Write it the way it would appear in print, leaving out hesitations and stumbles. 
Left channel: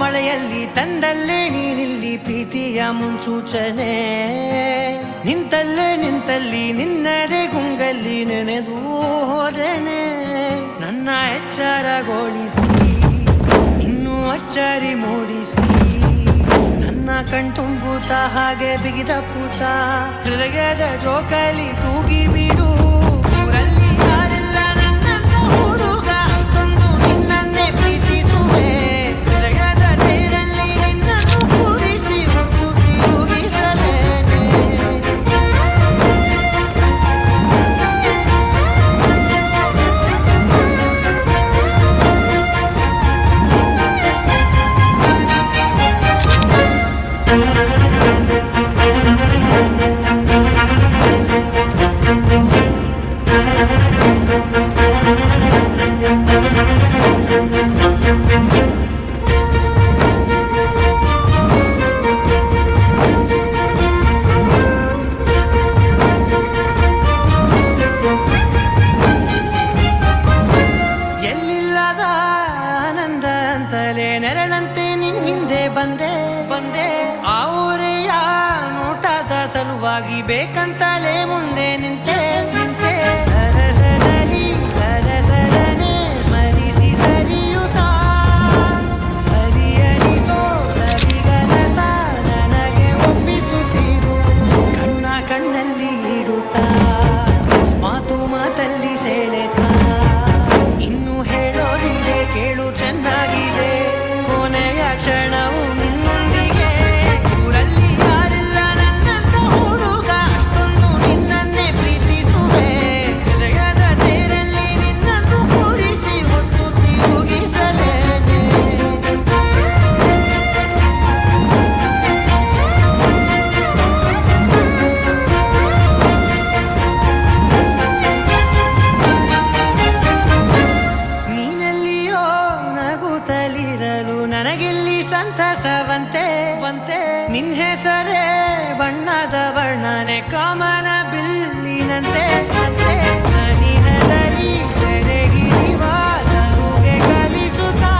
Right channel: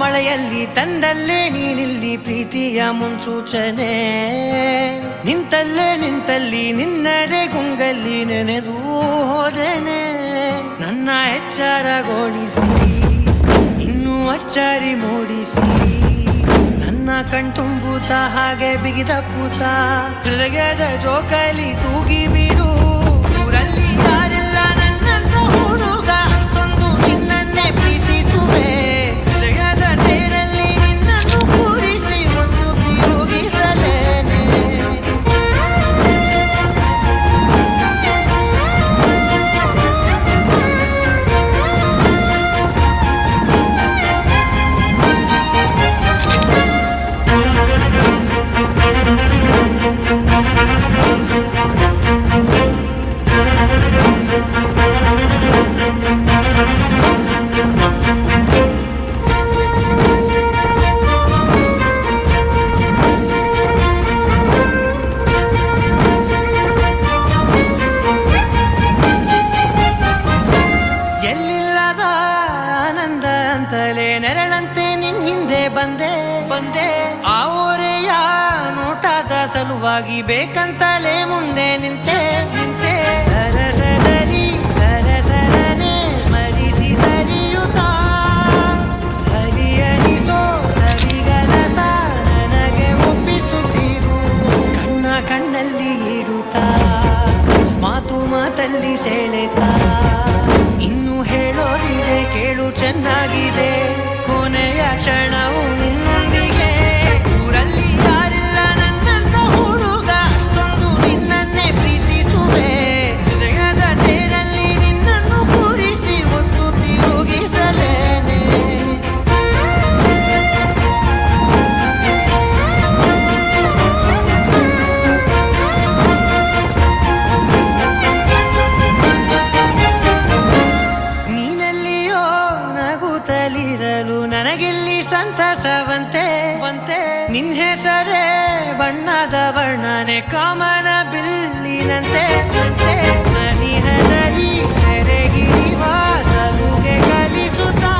ಮಳೆಯಲ್ಲಿ ತಂದಲ್ಲೇ ನೀನಿಲ್ಲಿ ಪ್ರೀತಿಯ ಮುನ್ಸೂಚನೆ, ನಿಂತಲ್ಲಿ ನಿನ್ನದೇ ಗುಂಗಲ್ಲಿ ನೆನೆದು ಹೋದೆನೆ. ನನ್ನ ಎಚ್ಚರಗೊಳಿಸಿ ಇನ್ನೂ ಅಚ್ಚರಿ ಮೂಡಿಸಿ, ನನ್ನ ಕಣ್ತುಂಬುತ್ತ ಹಾಗೆ ಬಿಗಿದ ಪೂತ ಹೃದಯದ ಜೋಕಾಲಿ ತೂಗಿ ಬಿಡು. ಊರಲ್ಲಿ ಯಾರಿಲ್ಲ ನನ್ನಂತ ಹುಡುಗ, ಅಷ್ಟೊಂದು ನಿನ್ನನ್ನೇ ಪ್ರೀತಿಸುವೆ. ಹೃದಯದ ತೇರಲ್ಲಿ ನಿನ್ನನ್ನು ಕೂರಿಸಿ ಹೊತ್ತು ತಿರುಗಿಸಲೇನೆ. ಎಲ್ಲಿಲ್ಲದ ಆನಂದ ಅಂತಲೇ ನೆರಳಂತೆ ನಿನ್ ಹಿಂದೆ ಬಂದೆ. ಆ ಊರೆಯ ನೋಟದ ಸಲುವಾಗಿ ಬೇಕಂತಲೇ ಮುಂದೆ ನಿಂತೆ. ಸರಸದಲ್ಲಿ ಸರಸರನೆ ಸ್ಮರಿಸಿ ಸರಿಯುತ್ತಾ, ಸರಿಯನಿಸೋ ಸರಿಗನಸ ನನಗೆ ಒಪ್ಪಿಸುತ್ತೀರು. ಕಣ್ಣಲ್ಲಿ ಇಡುತ್ತಾ, ಮಾತಲ್ಲಿ ಸೆಳೆತಾ, ಇನ್ನು ಹೇಳೋದಿದೆ ಕೇಳು ಚೆನ್ನಾಗಿದೆ. ಕೊನೆಯ ಕ್ಷಣವು ನಿನ್ನೊಂದಿಗೆ. ಊರಲ್ಲಿ ಯಾರಿಲ್ಲ ನನ್ನಂತ ಹುಡುಗ, ಅಷ್ಟೊಂದು ನಿನ್ನನ್ನೇ ಪ್ರೀತಿಸುವೆ. ಹೃದಯದ ತೇರಲ್ಲಿ ನಿನ್ನನ್ನು ಕೂರಿಸಿ ಹೊತ್ತು ತಿರುಗಿಸಲೇನೆ. ನೀನೆಲ್ಲಿಯೋ ನಗುತ್ತಲಿರಲು ನನಗೆಲ್ಲಿ ಸಂತಸವಂತೆ. ನಿನ್ ಹೆಸರೇ ಬಣ್ಣದ ವರ್ಣನೆ ಕಾಮನ ಬಿಲ್ಲಿನಂತೆ. ಸನಿಹದಲ್ಲಿ ಸೆರೆ ಹಿಡಿಯುವ ಸಲುಗೆ ಕಲಿಸುತ್ತಾ